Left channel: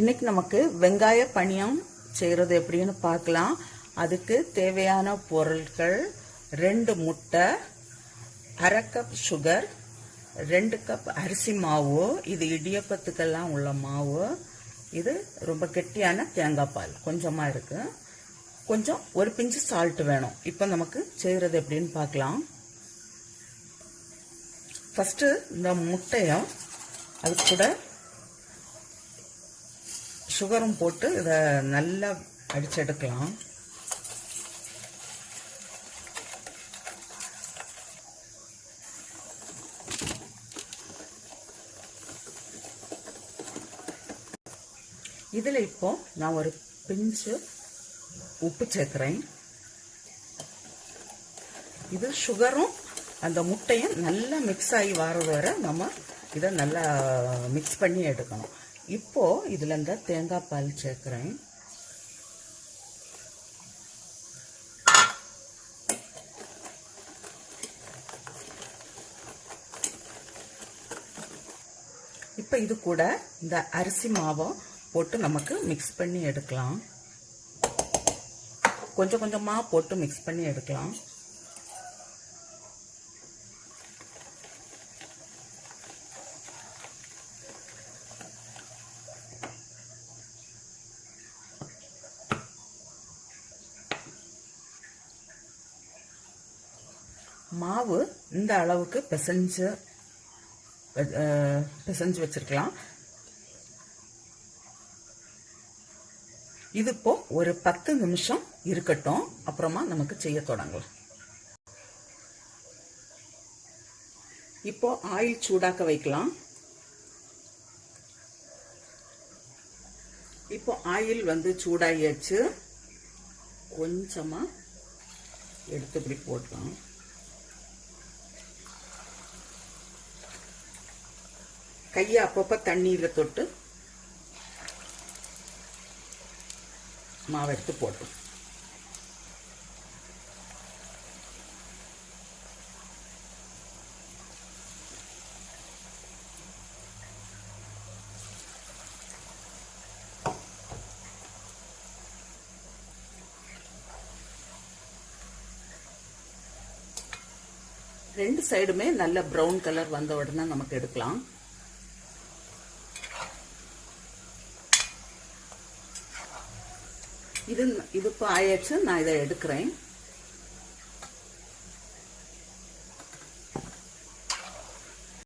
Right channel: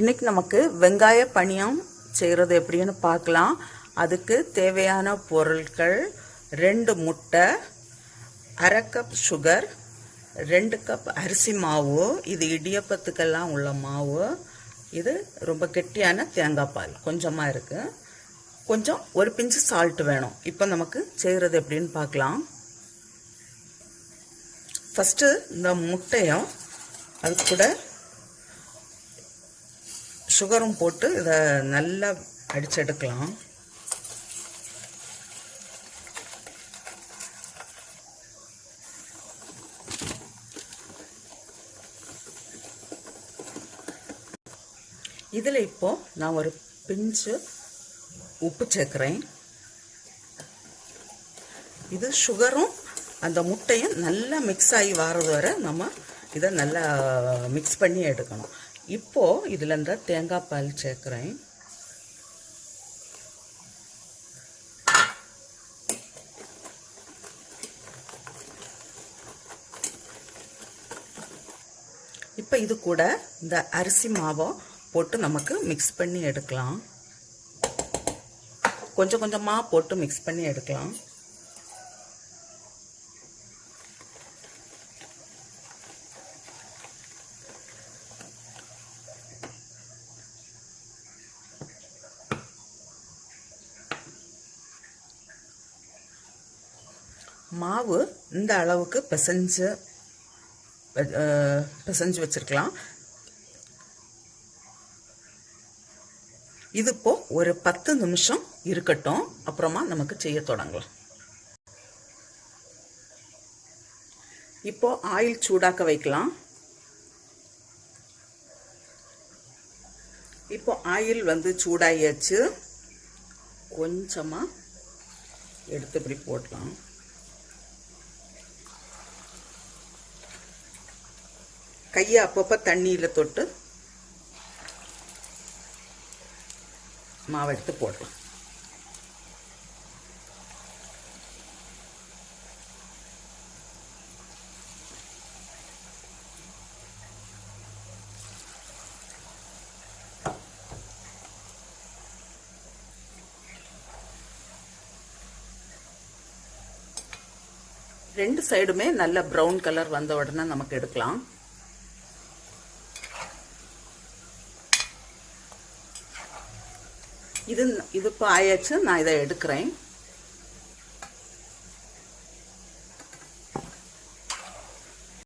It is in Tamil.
இன்னைக்கு நமக்கு வெங்காய பணியம் செய்கிறது எப்படின்னு பார்க்கலாம். அதுக்கு தேவையான பொருட்கள் 2 முட்டை, 1/2 கப் சுகர், 2 கப் அரிசி மாவு, இது இடியப்பத்துக்கெல்லாம் உள்ள மாவு, இது ரொம்ப கெட்டியான தேங்காய் பால் கொஞ்சமாக இருக்குது, கொஞ்சம் ஒரு பிஞ்சு சால்ட் வேணும். இப்போ நமக்கு செய்கிறது எப்படின்னு பார்க்கலாம். ஃபஸ்ட்டு இந்த முட்டையும் அது கூட சுகரும் போட்டு இதை நல்லா அடிச்செடுக்கலாம். இதில் இப்போ நான் ஒரு பிஞ்சு உப்பு சேர்க்குறேன். இது சுகரும் அந்த முட்டையும் நல்லா மிக்ஸ் ஆகி வர்றது வரை நம்ம இதை நல்லா மிக்ஸ் பண்ணி எடுக்கணும். இப்போது இதில் இந்த தேங்காய் பால் சேர்க்குறேன். இப்போ இது கூட இந்த அரிசி மாவை போட்டு நமக்கு மிக்ஸ் பண்ணி எடுக்கலாம். கொஞ்சம் கொஞ்சமாக போட்டு மிக்ஸ் பண்ணி எடுக்கலாம். மாவு இந்த அளவுக்கு பிசைஞ்சு வச்சிருக்கலாம். இது இப்போ ஒரு 10 நிமிஷம் இருக்கட்டும், அப்புறமா நமக்கு செய்ய தொடங்கலாம். இப்போ ஆயில் சூடாக்க வைக்கலாம். இப்போ ஆயில் வந்து சூடாகியாச்சு. கொஞ்சமாக எடுத்து இப்படி போடலாம். கையை அப்பப்போ தண்ணியில் தொட்டு மாவை எடுத்து போடலாம். ரெண்டு சைடுமே நல்ல ப்ரௌன் கலர் வந்த உடனே நமக்கு எடுக்கலாம். இது இப்போ ஆயாச்சு. நான் இதை எடுக்கிறேன்.